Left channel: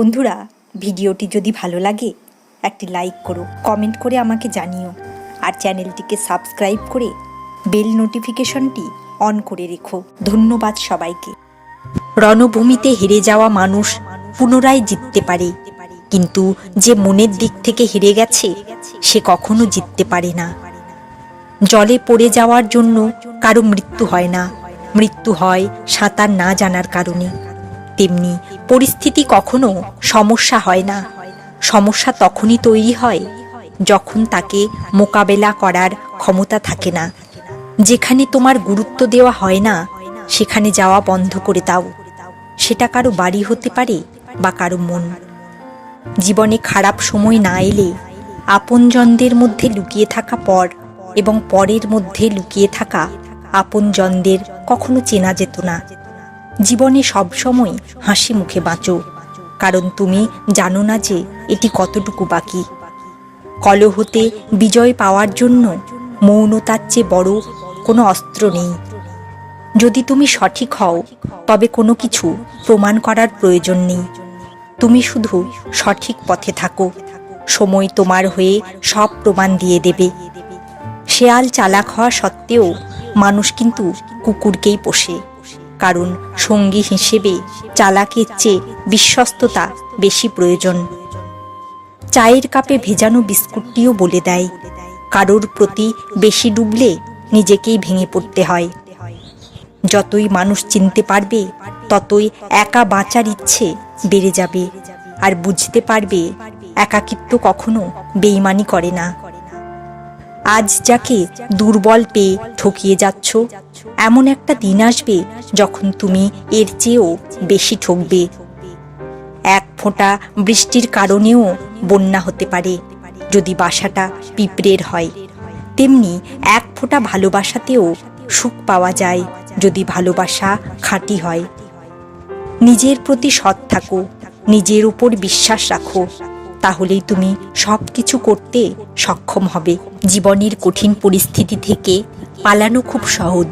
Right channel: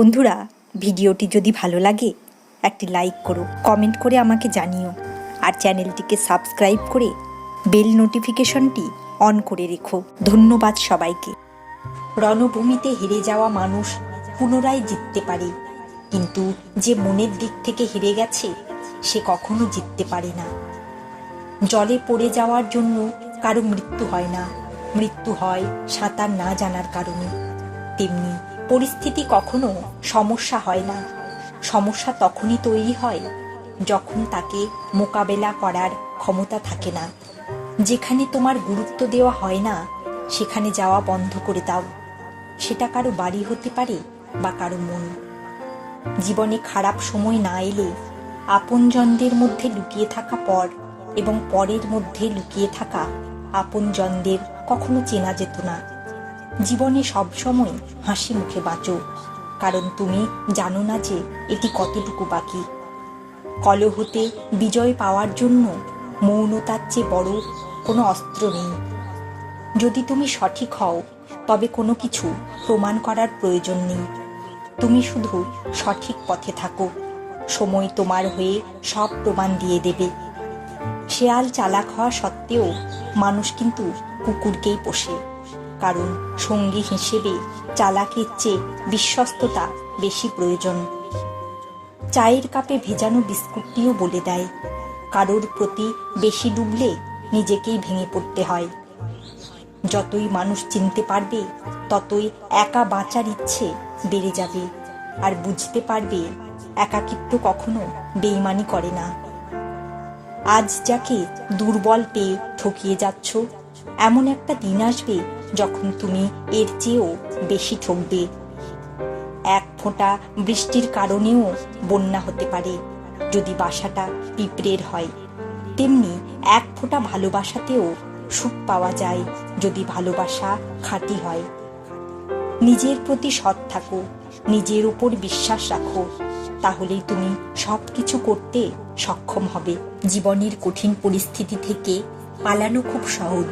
বন্ধুরা, ভিডিওটি যদি ভালো লাগে একটি লাইক করো, কমেন্ট করে আমাকে জানিও, আর চ্যানেলটিকে সাবস্ক্রাইব করে বেল নোটিফিকেশনটি অন করে রেখো। ধন্যবাদ সবাইকে। রণভূমিতে হেরে যাওয়া মানুষ পুনরায় জিততে পারে, কিন্তু যে মনের দিক থেকে হেরে গেছে সে কখনো জিততে পারে না। জলে পড়ে যাওয়ার জন্য কারো মৃত্যু হয় না, মৃত্যু হয় সাঁতার না জানার কারণে। তেমনি পরিস্থিতি কখনো সমস্যা হয় না, সমস্যা তখনই তৈরি হয় যখন তাকে মোকাবেলা করার ক্ষমতা থাকে না। যেখানে তোমার গুরুত্ব দেওয়া হয় না সেখানে যাওয়া বন্ধ করে দাও। সেটা কারো বাড়ি হতে পারে বা কারো মন। জীবনে খারাপ সময় না এলে আপনজনদের মধ্যে লুকিয়ে থাকা পর এবং পরের মধ্যে লুকিয়ে থাকা আপনজনদের কখনো চেনা যেত না। জীবনে সবসময় হাসি মুখে বাঁচো, কারণ তুমি জানো না যে এটি কতটুকু বাকি। কলহতে বিজয় পাওয়ার জন্য মৌনতার চেয়ে বড় কোনো অস্ত্র নেই। যদি তুমি সঠিক হও তবে কোনো কিছু প্রমাণ করার প্রয়োজন নেই। তুমি শুধু সঠিক পথে থাকো, সময় তোমার হয়ে সব প্রমাণ দিয়ে দেবে। শেয়াল চালাক হওয়া সত্ত্বেও মানুষ কিন্তু কুকুরকেই পোষে, কারণ সঙ্গী হিসেবে চালাকের চেয়ে বিশ্বস্ততা বেশি প্রয়োজন। চায়ের কাপে ভেজানো বিস্কুটটিও বলে দেয়, কারোর প্রতি বেশি ডুবলে নিজেকেই ভেঙে পড়তে হয়। যতই মানুষ চিনতে পারবে ততই একা বাঁচার ইচ্ছে বেড়ে যাবে, আর বুঝতে পারবে একাকিত্ব কখনো বেইমানি করে না। আজ যাকে দুর্বল পেয়ে ঠকিয়ে যাচ্ছ, এমন একটা দিন আসবে যখন তুমি এর চেয়েও বেশি ঠকবে। এক ফোঁটা বৃষ্টির কারণেও বন্যা হতে পারে যদি বাসাটা পিঁপড়ের হয়, তেমনি এক ফোঁটা ভালোবাসাতেও সুখ পাওয়া যায় যদি ভালোবাসা খাঁটি হয়। নিজের প্রতি সৎ থাকো, নিজের উপর বিশ্বাস রাখো, তাহলেই তুমি সব কিছু করতে সক্ষম হবে। জীবনের কঠিন পরিস্থিতি থেকে পালানো খুব সহজ।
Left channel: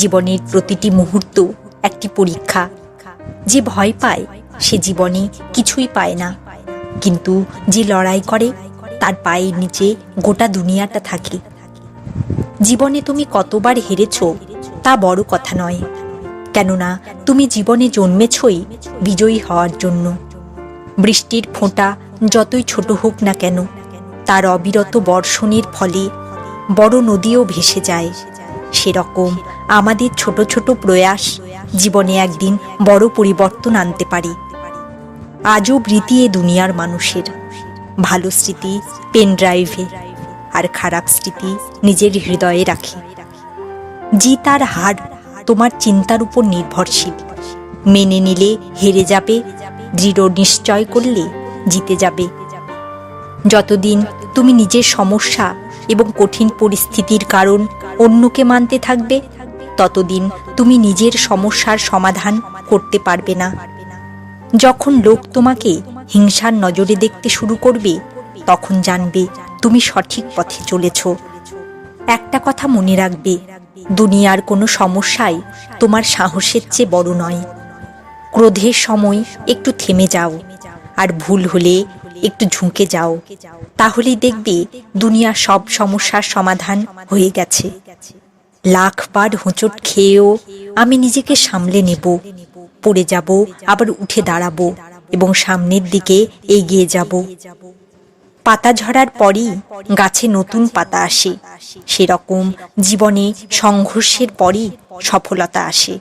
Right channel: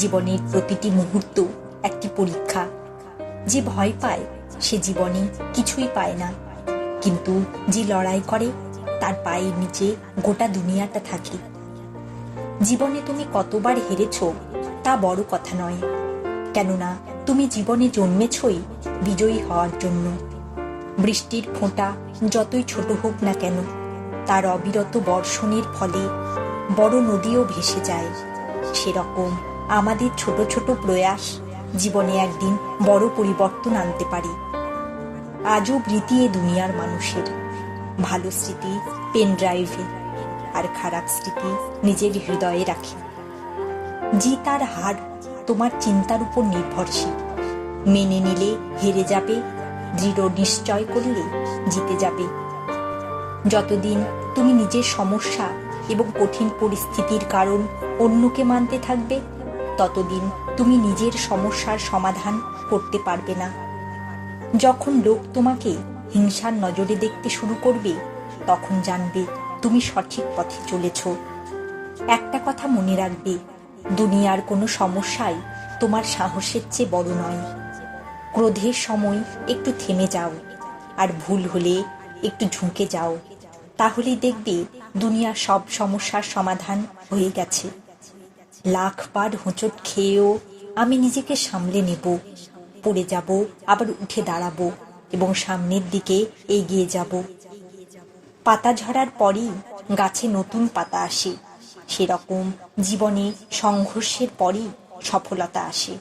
জীবনের প্রতিটি মুহূর্ত একটি পরীক্ষা। যে ভয় পায় সে জীবনে কিছুই পায় না, কিন্তু যে লড়াই করে তার পায়ের নিচে গোটা দুনিয়াটা থাকে। জীবনে তুমি কতবার হেরেছ তা বড় কথা নয়, কেননা তুমি জীবনে জন্মেছই বিজয়ী হওয়ার জন্য। বৃষ্টির ফোঁটা যতই ছোট হোক না কেন, তার অবিরত বর্ষণের ফলে বড় নদীও ভেসে যায়। সেরকম আমাদের ছোট ছোট প্রয়াস জীবনে একদিন বড় পরিবর্তন আনতে পারে। আজও স্মৃতি এ দুনিয়ার মানুষের। ভালো স্মৃতি পেন ড্রাইভে, আর খারাপ স্মৃতি নিজের হৃদয়ে রাখে। জিত আর হার তোমার চিন্তার উপর নির্ভরশীল। মেনে নিলে হেরে যাবে, দৃঢ় নিশ্চয় করলে জিতে যাবে। যতদিন তুমি নিজের সমস্যা এবং কঠিন পরিস্থিতির কারণ অন্যকে মানতে থাকবে, ততদিন তুমি নিজের সমস্যার সমাধান করতে পারবে না। যখন লোক তোমাকে হিংসার নজরে দেখতে শুরু করবে, তখন জানবে তুমি সঠিক পথে চলেছ। একটা কথা মনে রাখবে, দুনিয়ার কোনো সমস্যাই তোমার সাহসের চেয়ে বড় নয়। ক্রোধের সময় একটু থেমে যাও, আর ভুল হলে একটু ঝুঁকে যাও, তাহলেই দেখবে দুনিয়ার সব সমস্যার সমাধান হয়ে গেছে। লাখবার হোঁচট খেয়েও আমি নিজেকে সামলে নেব, পড়ে যাব আবার উঠে দাঁড়াবো এবং সামনের দিকে এগিয়ে যাব। পাতা ঝরার পরই গাছে নতুন পাতা আসে, সেরকম জীবনে সংঘর্ষের পরই সফলতা আসে।